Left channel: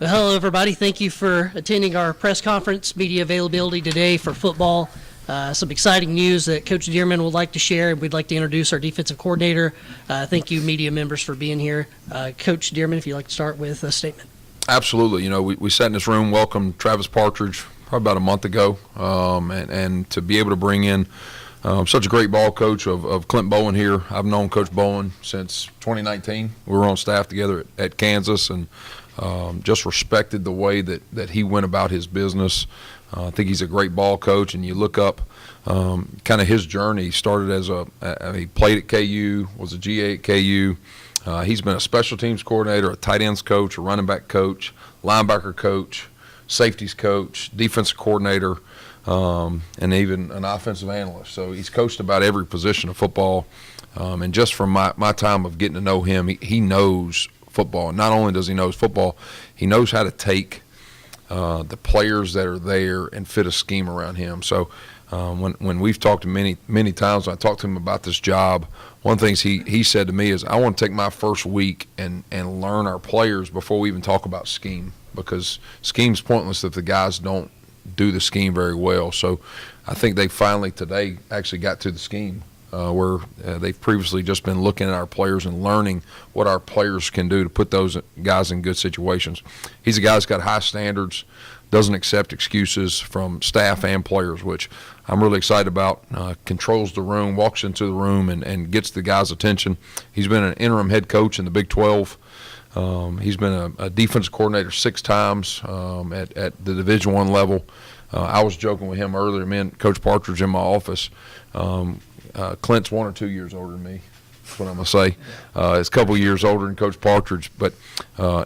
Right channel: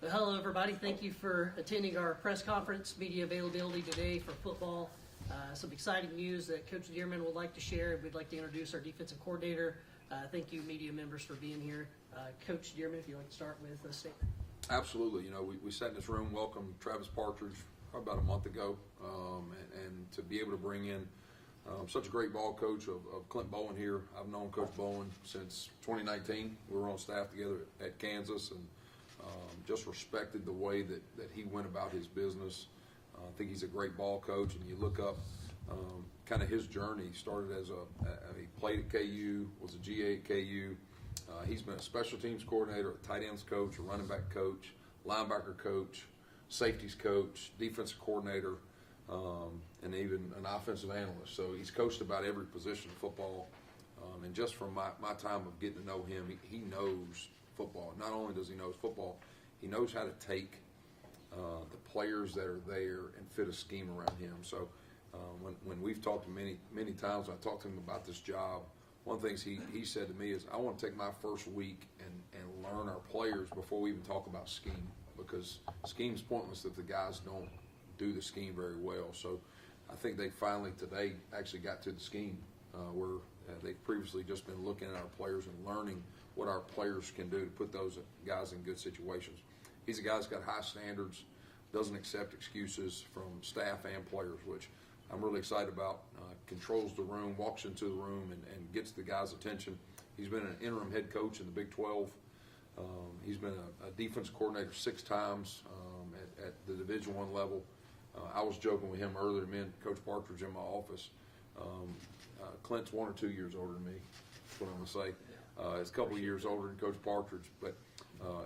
Well, hello, everybody. Thank you for attending our press conference, media availability today for football. Some exciting news that Coach Dearman would like to share. We'd like to introduce our defensive coordinator. Thank you, media members, for being here. Coach Dearman, if you'd like to start with a statement. Absolutely. You know, we sat in this room, welcomed Travis Partridge probably about a month ago, and to be able to bring in such a great ball coach of Clint Bowen here. I've known Coach Bowen since 2019. We were on staff together at Kansas, and just respected the way that he went about his business. I think he's a great ball coach, and you look up kind of his journey. He started as he played at KU, was a GA at KU. He's been a special teams coordinator, a tight ends coach, a running back coach, linebacker coach, safeties coach, defensive coordinator, and even an offensive analyst. So he's coached about every position of football. And just from my time of getting to know him, he knows football. And not only does he know football, he knows how to take the players that are there and fit a scheme around him. So when we've talked many times, when I talked to him about this job, one of the things he said to me is, I want to take my first week and learn our players before we even talk about scheme, because scheme's pointless if the guys don't do the scheme very well. So I think they finally today actually got to the scheme where they've previously just been looking at our players and learning what our players can do to put those guys in good situations. He's a guy that's got high standards, doesn't accept excuses from staff and players, which I'm really excited about. Controls the room, walks into the room, and gets the guys' attention. He's been an interim head coach in the Big 12. He's been a defensive coordinator 6 times at the Division I level. I was joking with him earlier, me and Coach Partridge in my office. Clint's 1 or 2 years older than me. That's what I'm going to say. He's a couple years older than Coach Partridge, but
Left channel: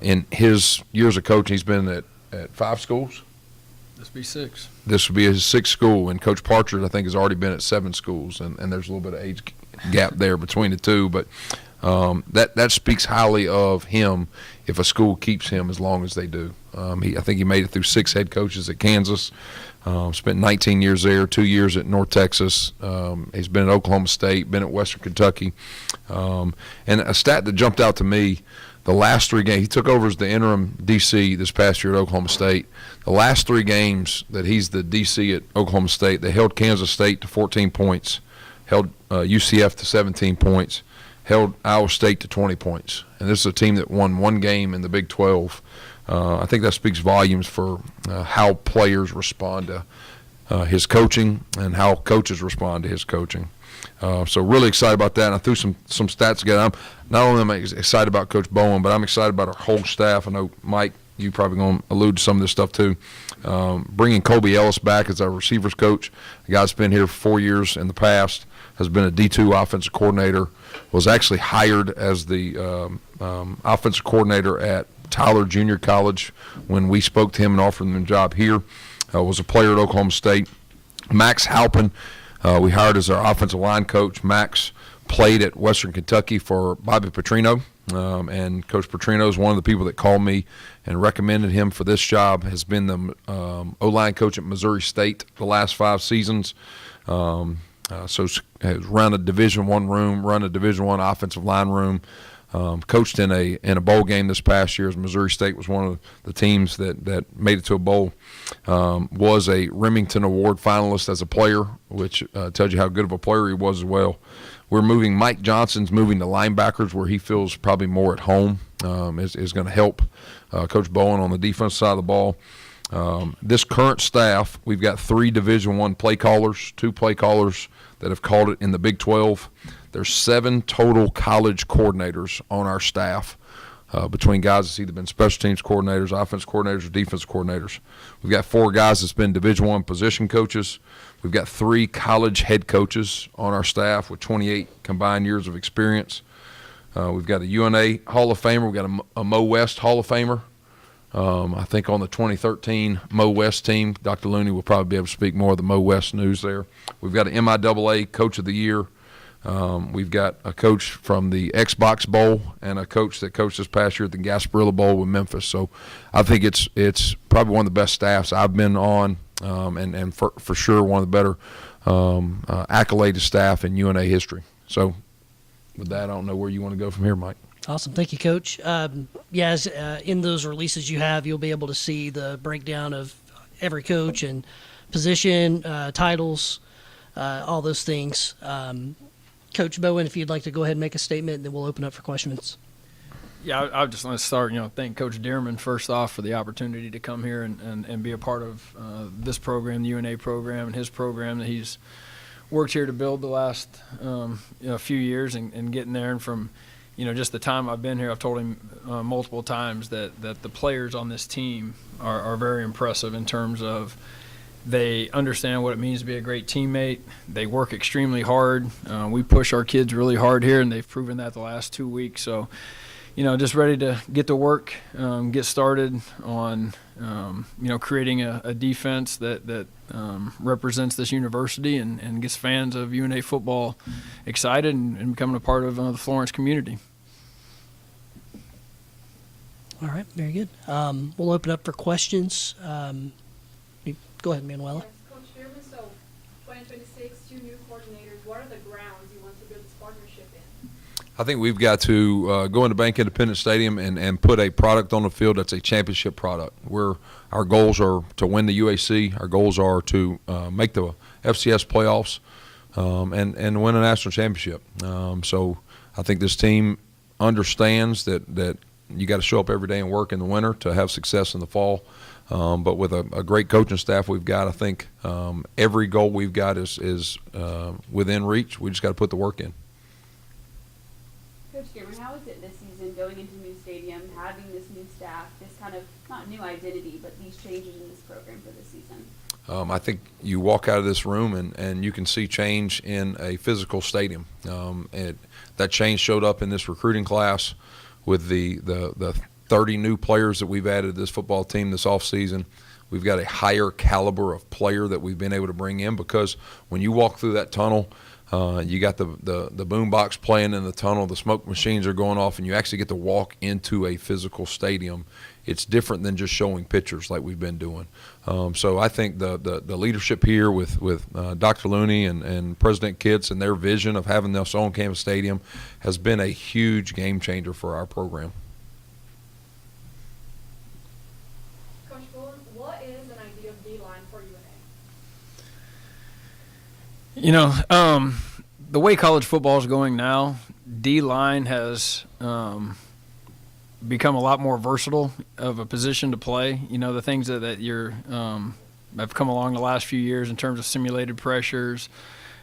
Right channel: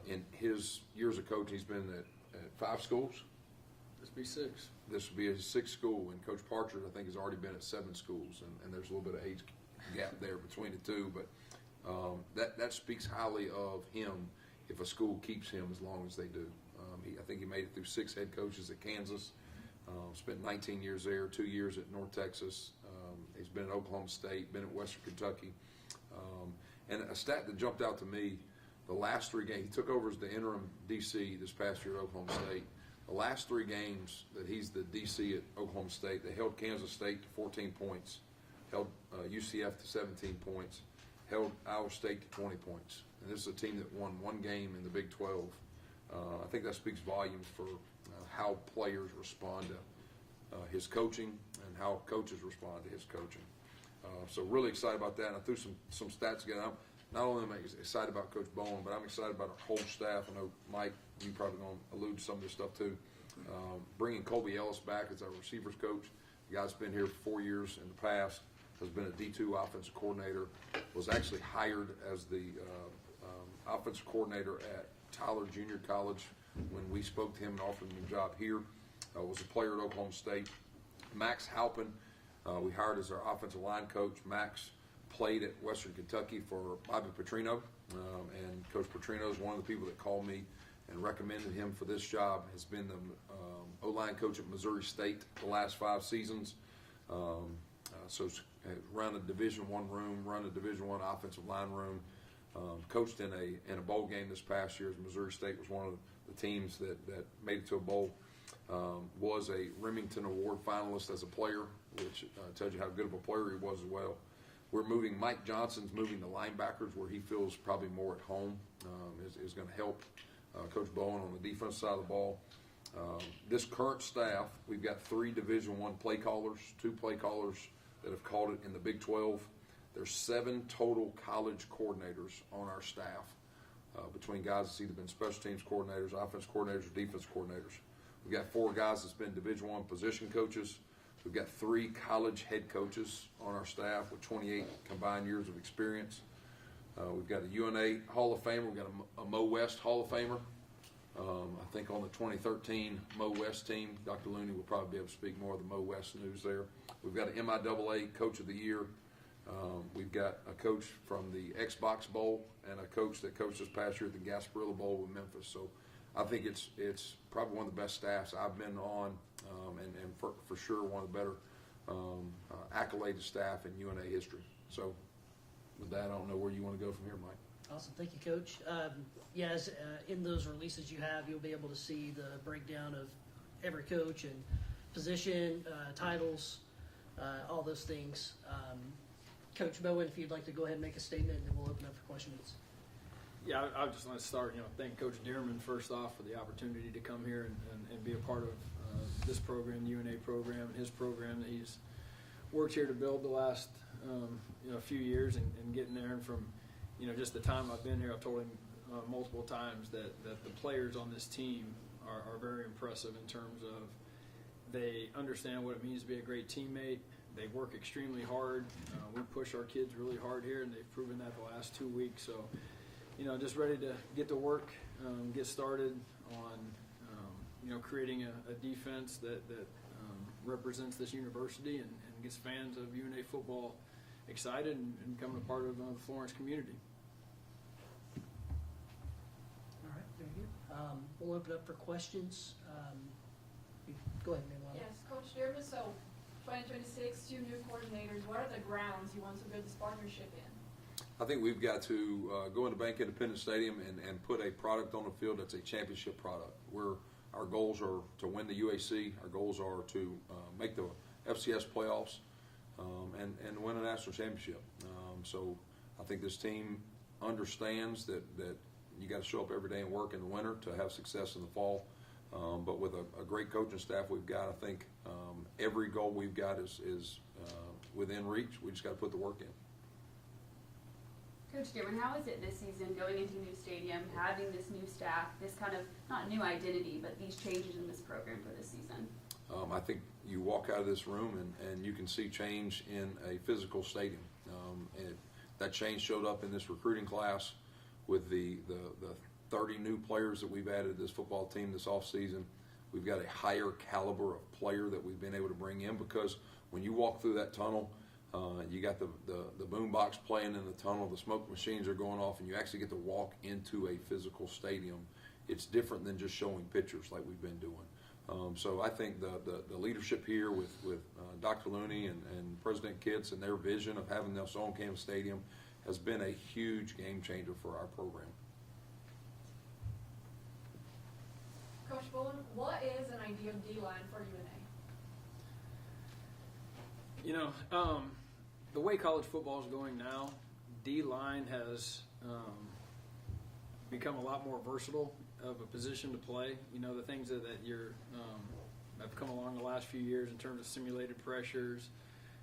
in his years of coaching, he's been at 5 schools. This will be 6. This will be his 6th school, and Coach Partridge, I think, has already been at 7 schools, and there's a little bit of age gap there between the two, but that speaks highly of him if a school keeps him as long as they do. I think he made it through 6 head coaches at Kansas. Spent 19 years there, 2 years at North Texas. He's been at Oklahoma State, been at Western Kentucky. And a stat that jumped out to me, the last 3 games, he took over as the interim DC this past year at Oklahoma State. The last 3 games that he's the DC at Oklahoma State, they held Kansas State to 14 points, held UCF to 17 points, held Iowa State to 20 points. And this is a team that won 1 game in the Big 12. I think that speaks volumes for how players respond to his coaching and how coaches respond to his coaching. So really excited about that. And I threw some stats together. Not only am I excited about Coach Bowen, but I'm excited about our whole staff. I know, Mike, you probably going to allude to some of this stuff too. Bringing Colby Ellis back as our receivers coach, a guy that's been here for 4 years in the past, has been a D2 offensive coordinator, was actually hired as the offensive coordinator at Tyler Junior College when we spoke to him and offered him a job here. Was a player at Oklahoma State. Max Halpin, we hired as our offensive line coach. Max played at Western Kentucky for Bobby Petrino, and Coach Petrino is one of the people that called me and recommended him for this job. Has been the O-line coach at Missouri State the last 5 seasons. So has run a Division I room, run a Division I offensive line room. Coached in a bowl game this past year as Missouri State was one of the teams that made it to a bowl. Was a Remington Award finalist as a player, which tells you how good of a player he was as well. Mike Johnson's moving to linebackers where he feels probably more at home, is going to help Coach Bowen on the defense side of the ball. This current staff, we've got 3 Division I play callers, 2 play callers that have called it in the Big 12. There's 7 total college coordinators on our staff between guys that's either been special teams coordinators, offense coordinators, or defense coordinators. We've got 4 guys that's been Division I position coaches. We've got 3 college head coaches on our staff with 28 combined years of experience. We've got a UNA Hall of Famer. We've got a Mo West Hall of Famer. I think on the 2013 Mo West team, Dr. Looney will probably be able to speak more of the Mo West news there. We've got an MIAA Coach of the Year. We've got a coach from the Xbox Bowl and a coach that coached this past year at the Gasparilla Bowl with Memphis. So I think it's probably one of the best staffs I've been on, and for sure one of the better accoladed staff in UNA history. So with that, I don't know where you want to go from here, Mike. Awesome. Thank you, Coach. In those releases you have, you'll be able to see the breakdown of every coach and position, titles, all those things. Coach Bowen, if you'd like to go ahead and make a statement, then we'll open up for questions. Yeah, I just want to start, thank Coach Dearman first off for the opportunity to come here and be a part of this program, the UNA program, and his program that he's worked here to build the last few years and getting there. And from, just the time I've been here, I've told him multiple times that the players on this team are very impressive in terms of they understand what it means to be a great teammate. They work extremely hard. We push our kids really hard here, and they've proven that the last 2 weeks. So, just ready to get to work, get started on, creating a defense that represents this university and gets fans of UNA football excited and becoming a part of the Florence community. All right, very good. We'll open up for questions. Go ahead, Manuela. Yes, Coach Dearman, so 2026, 2 new coordinators. What are the grounds you want to build this partnership in? I think we've got to go into Bank Independence Stadium and put a product on the field that's a championship product. Our goals are to win the UAC. Our goals are to make the FCS playoffs and win a national championship. So I think this team understands that you got to show up every day and work in the winter to have success in the fall. But with a great coaching staff we've got, I think every goal we've got is within reach. We just got to put the work in. Coach Dearman, how is it this season going into a new stadium, having this new staff, this kind of, not new identity, but these changes in this program for this season? I think you walk out of this room and you can see change in a physical stadium. That change showed up in this recruiting class with the 30 new players that we've added to this football team this offseason. We've got a higher caliber of player that we've been able to bring in because when you walk through that tunnel, you got the boom box playing in the tunnel, the smoke machines are going off, and you actually get to walk into a physical stadium. It's different than just showing pictures like we've been doing. So I think the leadership here with Dr. Looney and President Kitts and their vision of having this on-campus stadium has been a huge game changer for our program. Coach Bowen, what is an ideal D-line for UNA? The way college football is going now, D-line has become a lot more versatile of a position to play. The things that you're have come along the last few years in terms of simulated pressures,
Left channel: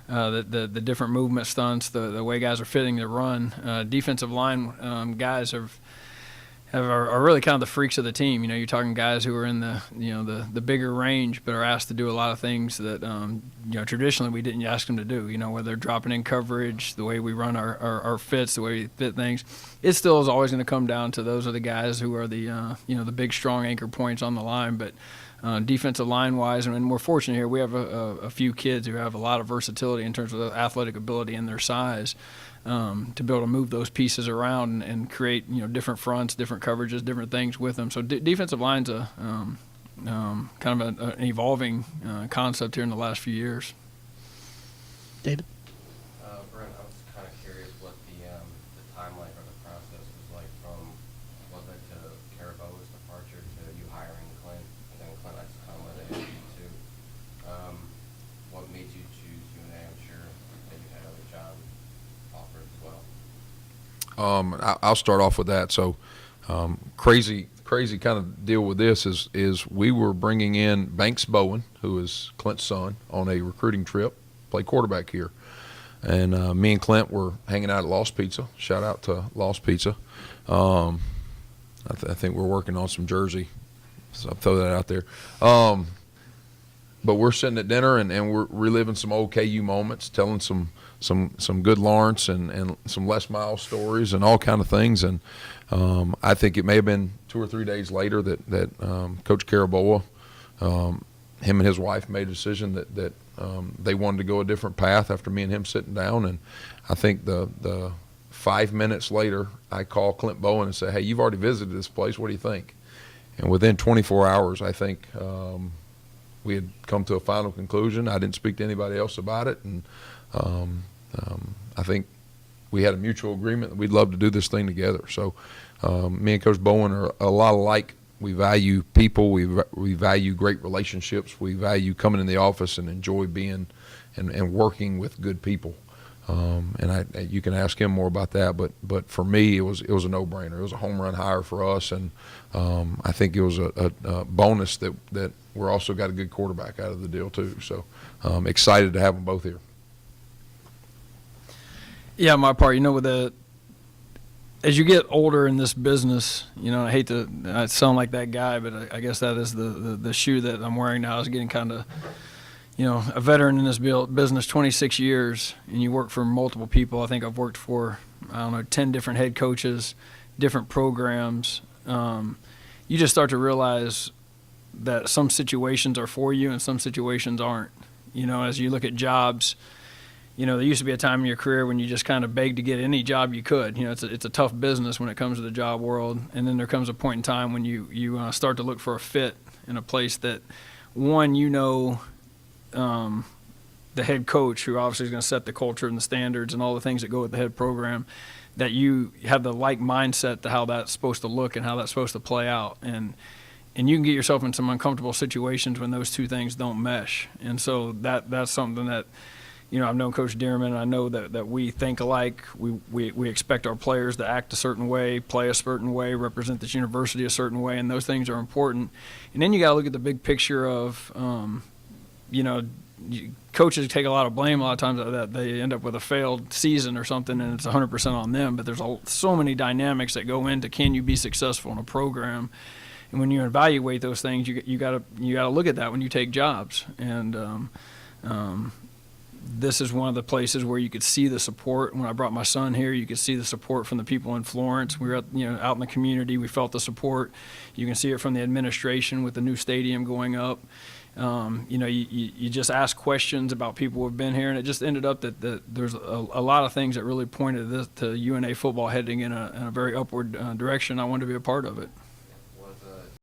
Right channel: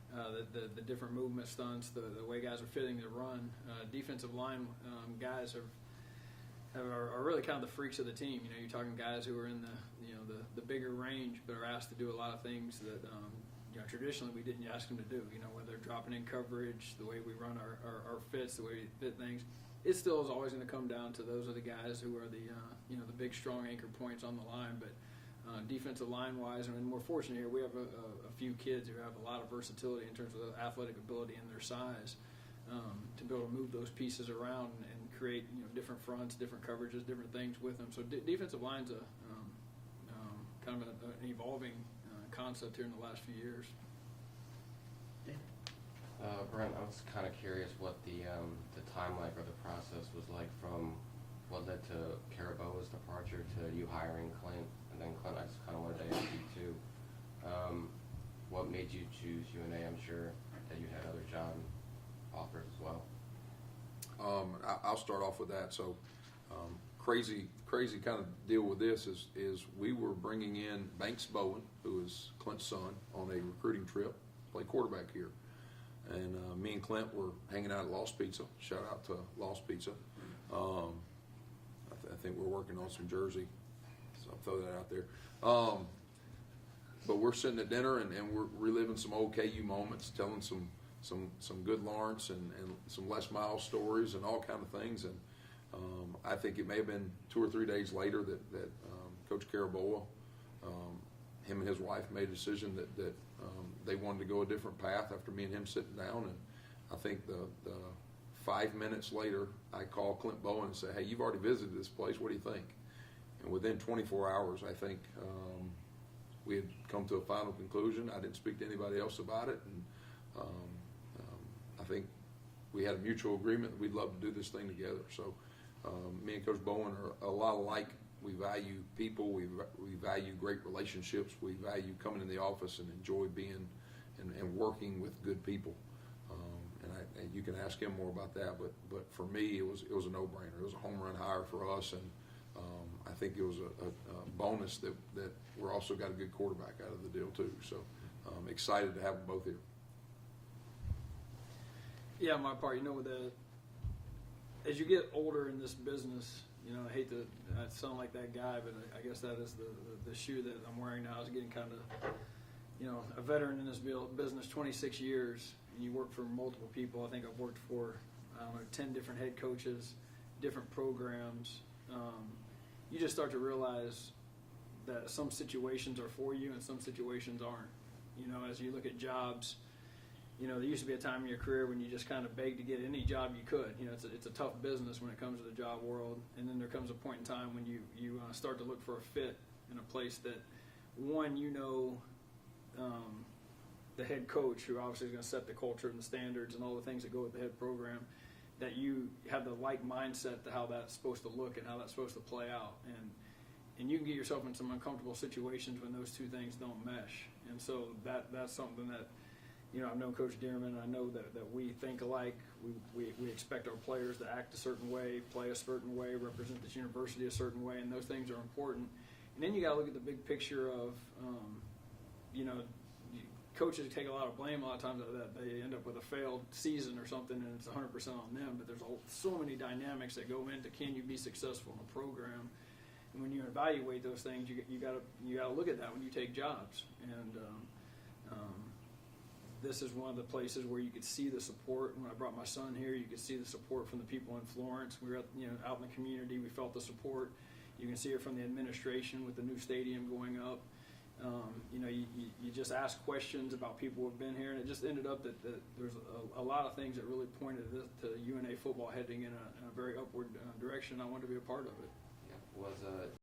the different movement stunts, the way guys are fitting to run. Defensive line guys are really kind of the freaks of the team. You're talking guys who are in the bigger range, but are asked to do a lot of things that traditionally we didn't ask them to do. Whether they're dropping in coverage, the way we run our fits, the way we fit things. It still is always going to come down to those are the guys who are the the big strong anchor points on the line. But defensive line wise, and we're fortunate here. We have a few kids who have a lot of versatility in terms of the athletic ability and their size. To be able to move those pieces around and create different fronts, different coverages, different things with them. So defensive line's a kind of an evolving concept here in the last few years. David? Brent, I was kind of curious what the timeline or the process was like from what led to Caraboa's departure to you hiring Clint, and then Clint, that's kind of what they asked you to. What made you choose UNA? I'm sure that you had other jobs offered as well. I'll start off with that. So crazy kind of deal with this is we were bringing in Banks Bowen, who is Clint's son, on a recruiting trip, play quarterback here. And me and Clint were hanging out at Lost Pizza. Shout out to Lost Pizza. I think we're working on some jersey, so I'll throw that out there. But we're sitting at dinner and we're reliving some old KU moments, telling some good Lawrence and some Les Miles stories and all kind of things. And I think it may have been 2 or 3 days later that Coach Caraboa, him and his wife made a decision that they wanted to go a different path after me and him sitting down. And I think the 5 minutes later, I call Clint Bowen and say, hey, you've already visited this place. What do you think? And within 24 hours, I think we had come to a final conclusion. I didn't speak to anybody else about it. And I think we had a mutual agreement that we'd love to do this thing together. So me and Coach Bowen are a lot alike. We value people. We value great relationships. We value coming in the office and enjoy being and working with good people. And you can ask him more about that. But for me, it was a no-brainer. It was a home run hire for us, and I think it was a bonus that we're also got a good quarterback out of the deal too. So excited to have them both here. Yeah, my part, as you get older in this business, I hate to sound like that guy, but I guess that is the shoe that I'm wearing now, is getting kind of, a veteran in this business, 26 years, and you work for multiple people. I think I've worked for, 10 different head coaches, different programs. You just start to realize that some situations are for you and some situations aren't. As you look at jobs, there used to be a time in your career when you just kind of begged to get any job you could. It's a tough business when it comes to the job world. And then there comes a point in time when you start to look for a fit in a place that, one, the head coach, who obviously is going to set the culture and the standards and all the things that go with the head program, that you have the like mindset to how that's supposed to look and how that's supposed to play out. And you can get yourself in some uncomfortable situations when those two things don't mesh. And so that's something that, I've known Coach Dearman. I know that we think alike. We expect our players to act a certain way, play a certain way, represent this university a certain way, and those things are important. And then you got to look at the big picture of, coaches take a lot of blame a lot of times that they end up with a failed season or something, and it's 100% on them. But there's so many dynamics that go into, can you be successful in a program? And when you evaluate those things, you got to look at that when you take jobs. And this is one of the places where you could see the support. When I brought my son here, you could see the support from the people in Florence. We were out in the community. We felt the support. You can see it from the administration with the new stadium going up. You just ask questions about people who have been here, and it just ended up that there's a lot of things that really pointed to UNA football heading in a very upward direction. I wanted to be a part of it.